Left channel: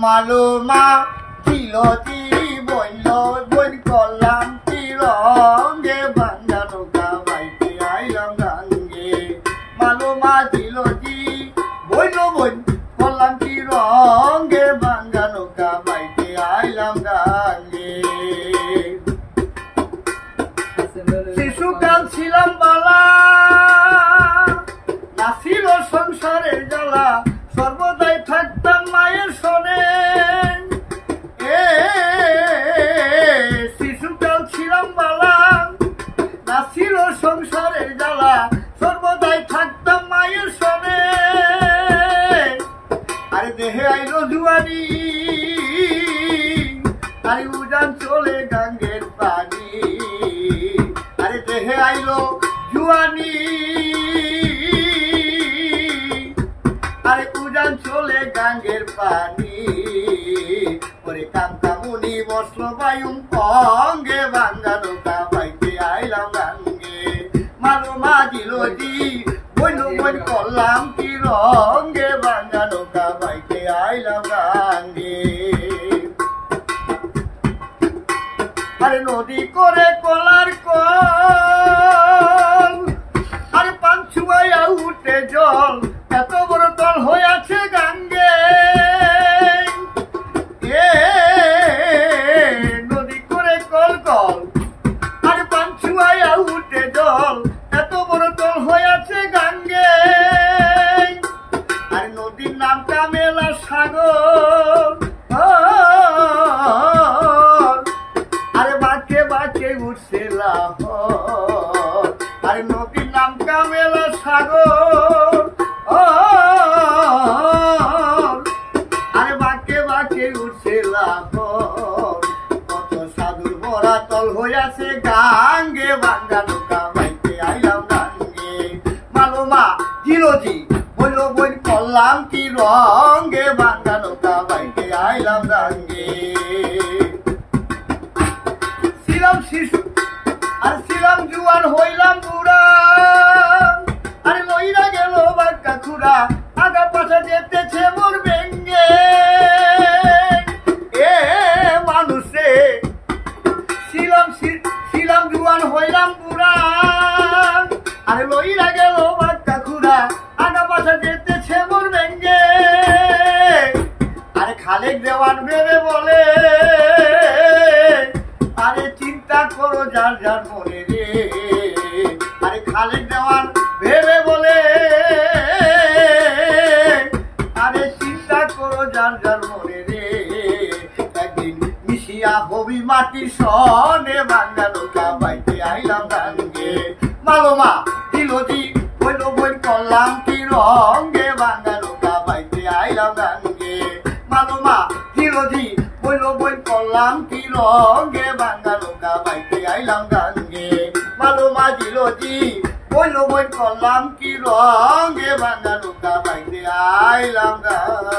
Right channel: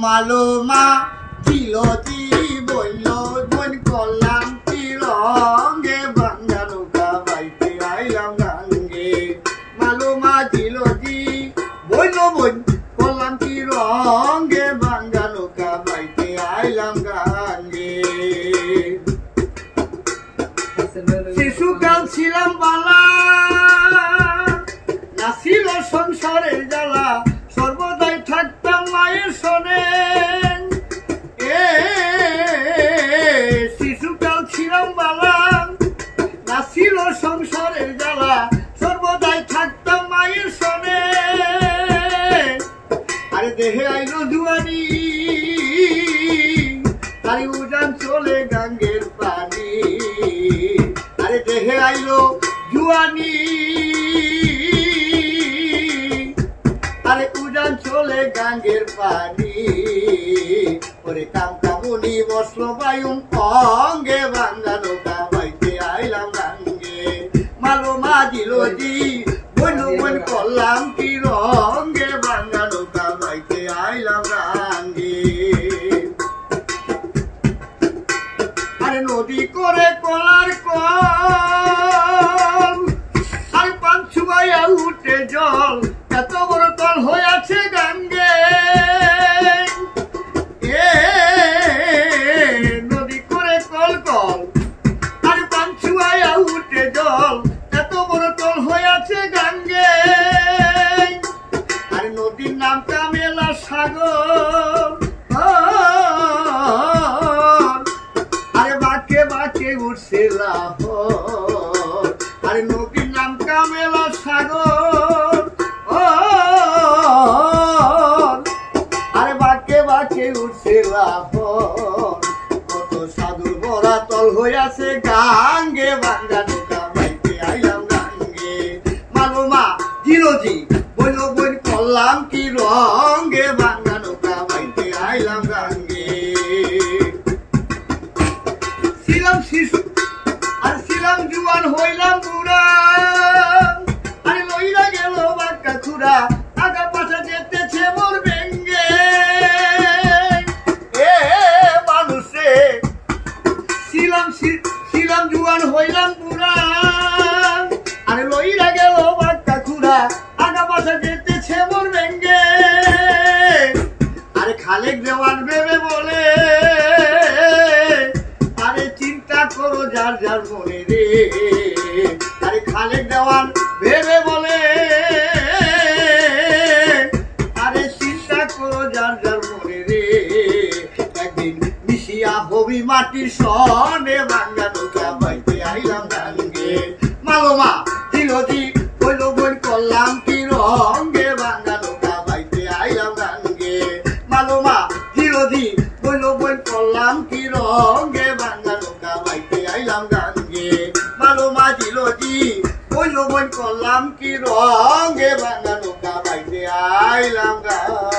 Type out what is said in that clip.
মালমা চিলতি বইল বইন করলাম কি রঙে ভাঙ্গা নৌকা বাইতে আইলাম গাঙ্গে মালমা চিলতি বইল বইন করলাম কি রঙে ভাঙ্গা নৌকা বাইতে আইলাম গাঙ্গে শিশুকাল ছিলাম বালা নাছিল সংসারের জ্বালা সর্বদাই থাকতাম মায়ের সনে শিশুকাল ছিলাম বালা নাছিল সংসারের জ্বালা সর্বদাই থাকতাম মায়ের সনে আরে দেহে আইলো জুয়ানি আরে উজান চলে গাঙ্গের পানি আরে দেহে আইলো জুয়ানি আরে উজান চলে গাঙ্গের পানি ওরে কামকামুনি বসলো বায়ুম অঙ্গে ভাঙ্গা নৌকা বাইতে আইলাম গাঙ্গে মালমা দিলজি বইল বইন করলাম কি রঙে ভাঙ্গা নৌকা বাইতে আইলাম গাঙ্গে আরে নদী করে কলার কল আরে পাঁচুয়াইয়া উঠে জল এত বড় তল হয়ে আছে গাঙ্গে নদী করে কল কল আরে পাঁচুয়াইয়া উঠে জল এত বড় তল হয়ে আছে গাঙ্গে আরে নদীর নাম কামেলা সাগর আরে বাঁকে বাঁকে উঠছে লাহর আরে নদীর নাম কামেলা সাগর আরে বাঁকে বাঁকে উঠছে লাহর কত সাধুর বরা তল হইয়াছে গাঙ্গে ভাঙ্গা নৌকা বাইতে আইলাম গাঙ্গে মালমা জিরোজি বইল বইন করলাম কি রঙে ভাঙ্গা নৌকা বাইতে আইলাম গাঙ্গে ছিলাম শিশু আর ছিলাম জুয়ান হইলাম বুড়া আরে লইরা গেল বাক্কা খুড়া আগা পাশা যেতেছে মোর বেঙ্গে মানুষে ছিলাম জুয়ান হইলাম বুড়া আরে লইরা গেল বাক্কা খুড়া আগা পাশা যেতেছে মোর বেঙ্গে আরে খালেক দেওয়ান ভেবে বলে আরে চিন্তা করো যার যার মনে রে আরে খালেক দেওয়ান ভেবে বলে আরে চিন্তা করো যার যার মনে রে একদিন মিশিয়া হবি মাটির সনে ভাঙ্গা নৌকা বাইতে আইলাম গাঙ্গে মালমা দিলজি বইল বইন করলাম কি রঙে ভাঙ্গা নৌকা বাইতে আইলাম গাঙ্গে মালমা দিলজি বইল বইন করলাম কি রঙে ভাঙ্গা নৌকা বাইতে আইলাম গাঙ্গে মালমা দিলজি বইল বইন করলাম কি রঙে ভাঙ্গা নৌকা বাইতে আইলাম গাঙ্গে।